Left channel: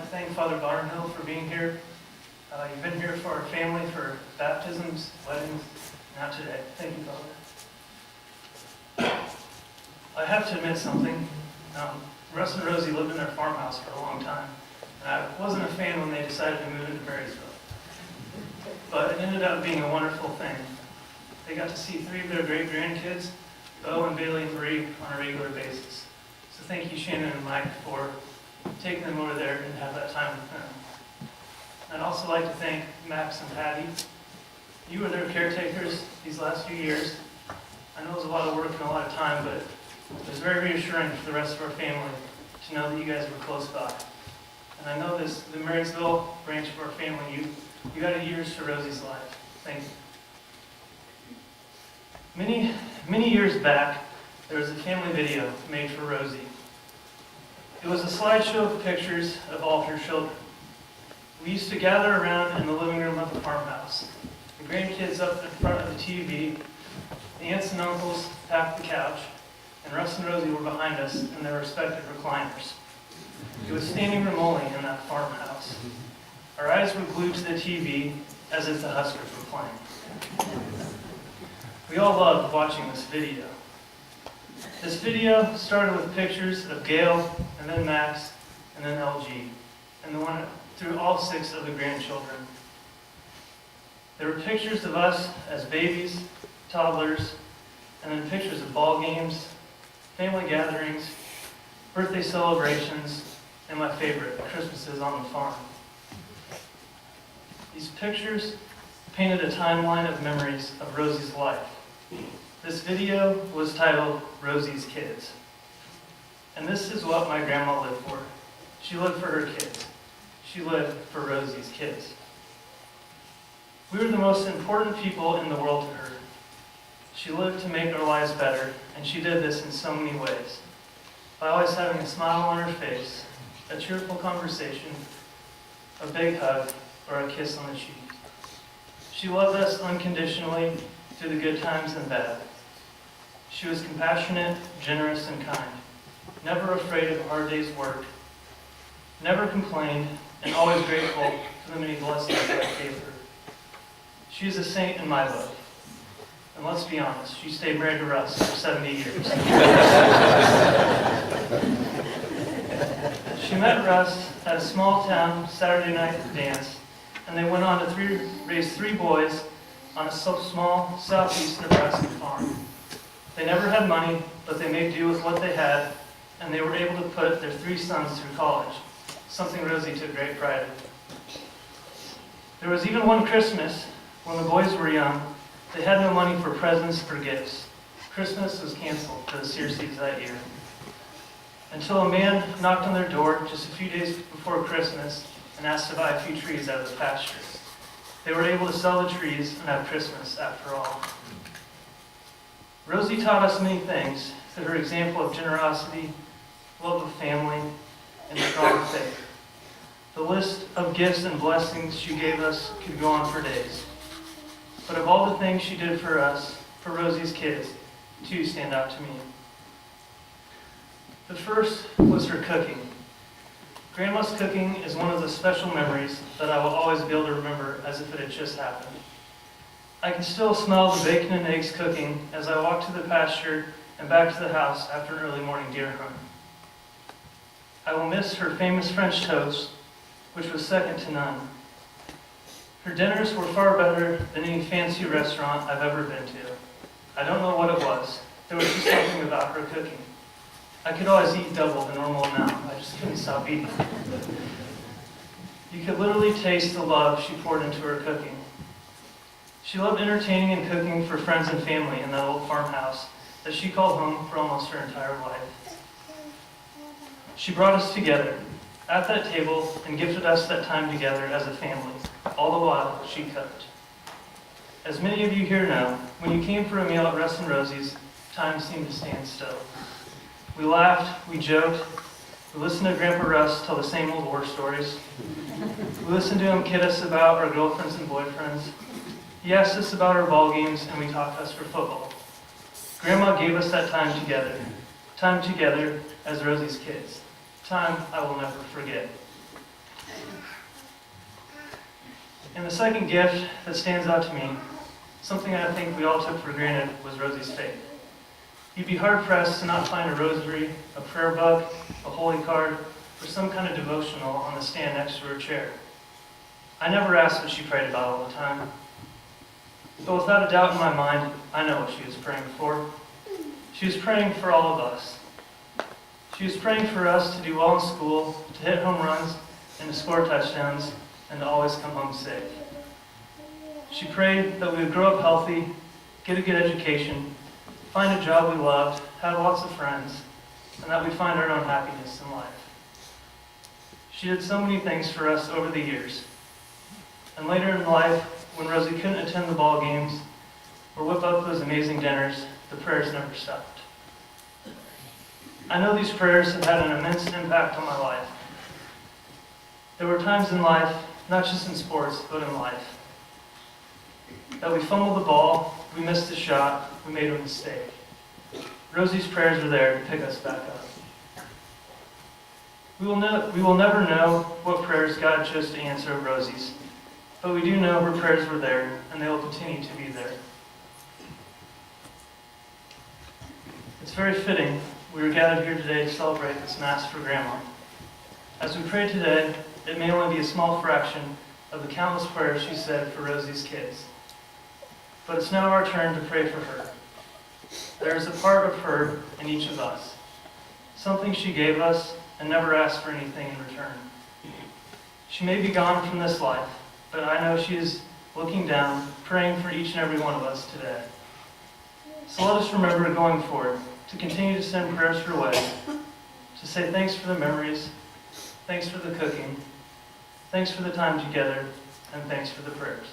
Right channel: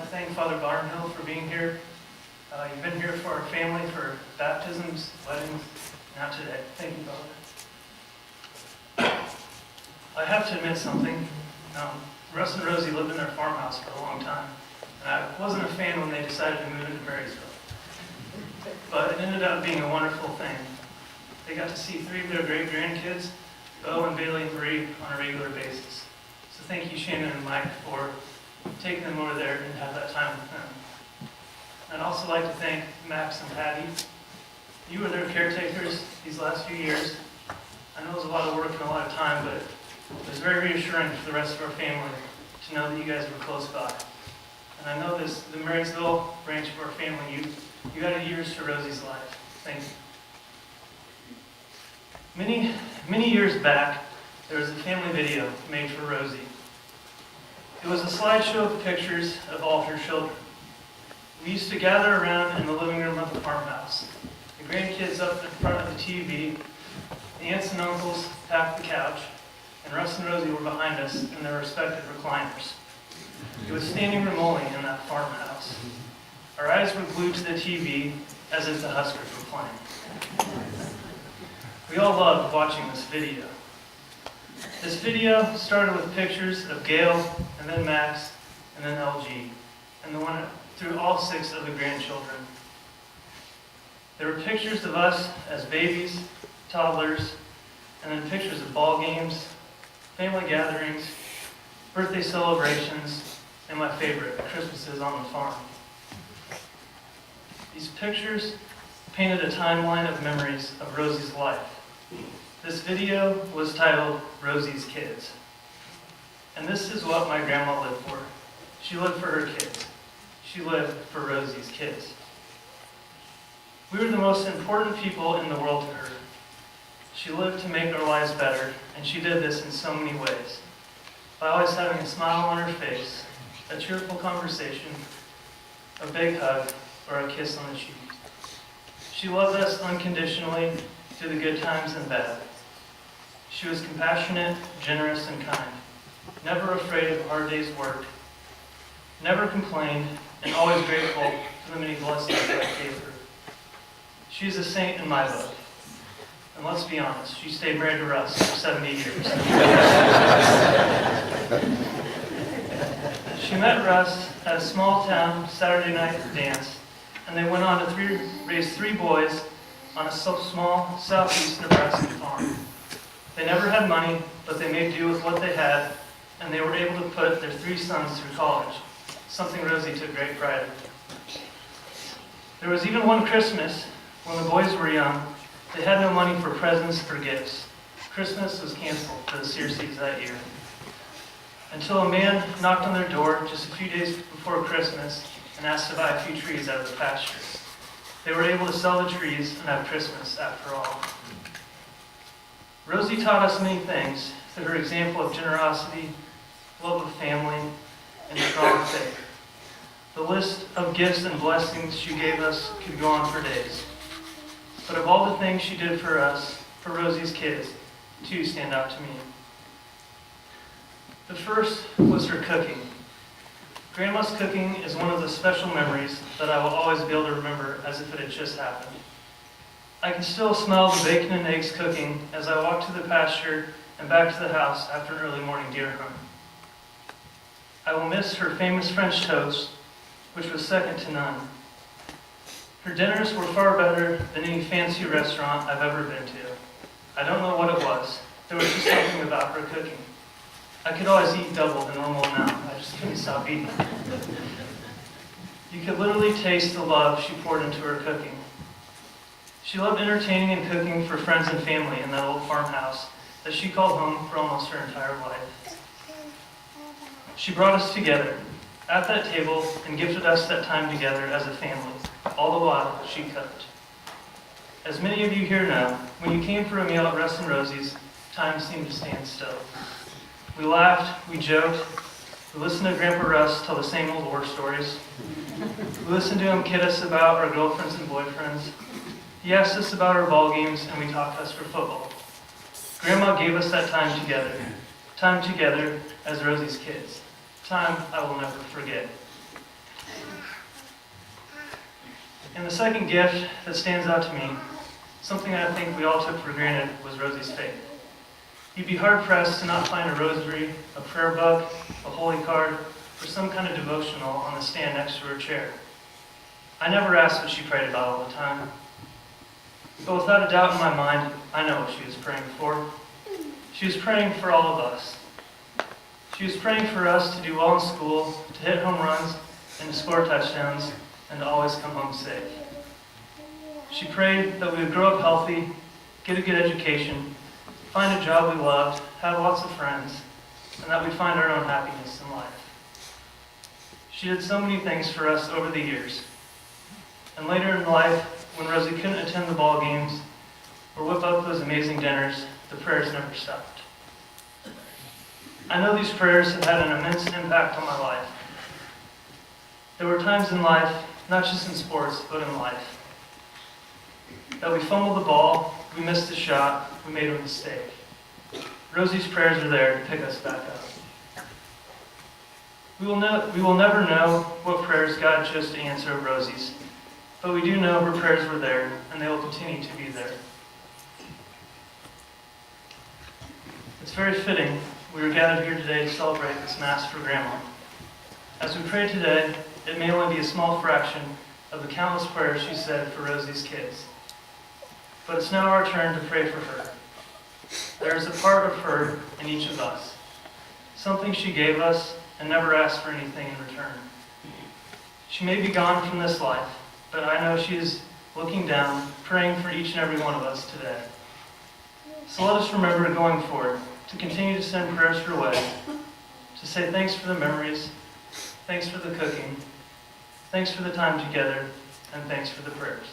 to thank Father Barnhill for being here. You've been here for our family for baptisms, weddings, now today. Thank you, Father. I have to admit something. Russ and Rosie lived in their farmhouse for a long time, and I wasn't a fan when they decided to move into Marysville. But it ended up being a wonderful thing. They got to see 3 of their great grandkids, Bo and Bailey and Marie, on a regular basis. So thank you, Shannon and Mike, for taking them over there and have that time with them. I'd also like to thank Max and Patty. You were their caretakers these last few years. I know it was a lot of work and a lot of time, but it was very reassuring for the rest of our family to know that you guys were close by. And I know the Marysville branch of our family, you added years to Rosie's life. Thank you. Many years back, there was a family video made for Rosie. It was a slideshow of pictures of all of her children. We used to gather around in the living room of the farmhouse. The grandkids up in front of the TV, the aunts and uncles packed the couch, and Russ and Rosie were behind us in their respective recliners. It was standing room only in that farmhouse. Our eyes were glued to the TV as if the Huskers were playing. We all loved watching this video. This video started with pictures of Gail, and then Max, and then LG, and the one through all 6 of the grandchildren. There were pictures of us as babies, toddlers, and then pictures of ball games, family gatherings, birthday celebrations, and my favorite, Christmases on the farm. These pictures painted a timeline of memories of Rosie's life. This video was titled Rosie's Kids. And this is what my grandma lived for. She lived for her kids. She lived for Rosie's kids. We were the most important people in the world to her. She lived to make our lives better, and she did this in so many ways. By always having a smile on her face, a cheerful conversation, a big hug, or a kiss on the cheek. She loved us unconditionally through the good times and bad. She was compassionate, generous, and kind, never afraid of a hard day's work, never complained, and always grateful for the many blessings that I gave her. She's a saint in my book. And let's be honest, she stayed married to Russ for 70 years. She met Russ at a small town Saturday night dance, and they went on to raise 3 boys on a small southeast Nebraska farm. They never had money, but they made do with what they had, and they were able to put their 3 sons through college, something Rosie took great pride in. There was even one Christmas, when the boys were young, they had no money for presents or gifts. Christmas was canceled for the Searceys that year. Until a man knocked on their door just a few days before Christmas and asked to buy a few trees out of the pasture. They were able to sell the trees and have Christmas after all. Rosie taught us many things through her example of generosity, love of family, and strong faith. The list of gifts and blessings she gave us could go on for days. But of all the things she did for us, for Rosie's kids, 2 stand out to me. The first was her cooking. Grandma's cooking is one of the special memories that I will always be able to remember as if it had just happened. I can still smell the bacon and eggs cooking as I walk to the pasture and back to the house after an early morning deer hunt. I will miss her famous French toast, which was second to none. Her dinners were far better than any fancy restaurant I've ever been to. I don't know what it was. There was just something about her cooking. I could always eat double the normal amount. I just couldn't stop eating. You could literally taste the love she poured into her cooking. She loved entertaining and cooking for friends and family in that old farmhouse that she called home for almost her entire life. She brought us together at that table and gifted us that time together as a family, all the while she cooked. As many of you here know, when you came for a meal at Russ and Rosie's, time seemed to stand still. We laughed, we joked, we listened to Grandpa Russ tell the same old war stories. We listened to him kid us about our girlfriends and boyfriends. He asked us about our ball games, and we talked Husker football. Grandma gave us that time together as Rosie's kids. Time I will never forget. And the second gift that stands out to me, something I think we all took for granted, was Rosie's faith. You'd be hard-pressed to not find a rosary, a prayer book, a holy card, or some kind of devotional on the stand next to her chair. I never asked what she prayed about all the time. But without a doubt in my mind, I know what she was praying for. She was praying for all of us. She was praying for us to do well in school, to hit home runs, and to score touchdowns, and to always come home safe. She prayed that we would grow up healthy, get a good education, find a job we loved, have lots of friends, and that we'd find our own happiness in life. She did so many things for us over the years. And later in life, when Rosie couldn't attend the ball games or whip up those amazing dinners, the prayers never stopped. I know these prayers have had an immense impact on my life. There were times in life, not just in sports, but in life, that we fumbled the ball, we missed a shot, we made a mistake. Rosie's prayers are there to pick us back up. We will never know what prayers God chose to answer of Rosie's, but we do know her prayers were there, and they will continue to be there. It's very fitting we are gathered here today to celebrate this Mass for Grandma. As we pray today, it may only be a small fraction of the countless prayers she said for Rosie's kids. But it's now our turn to pray for her. There is a part of her in each of us, something she gave us and never asked for anything in return. She may be gone from this life, but I know she is looking down, praying for each and every one of us today. So let us remember going forward to continue to send prayers her way, to say thanks for the memories, thanks for the cooking, thanks for the time together, and thanks for the prayers.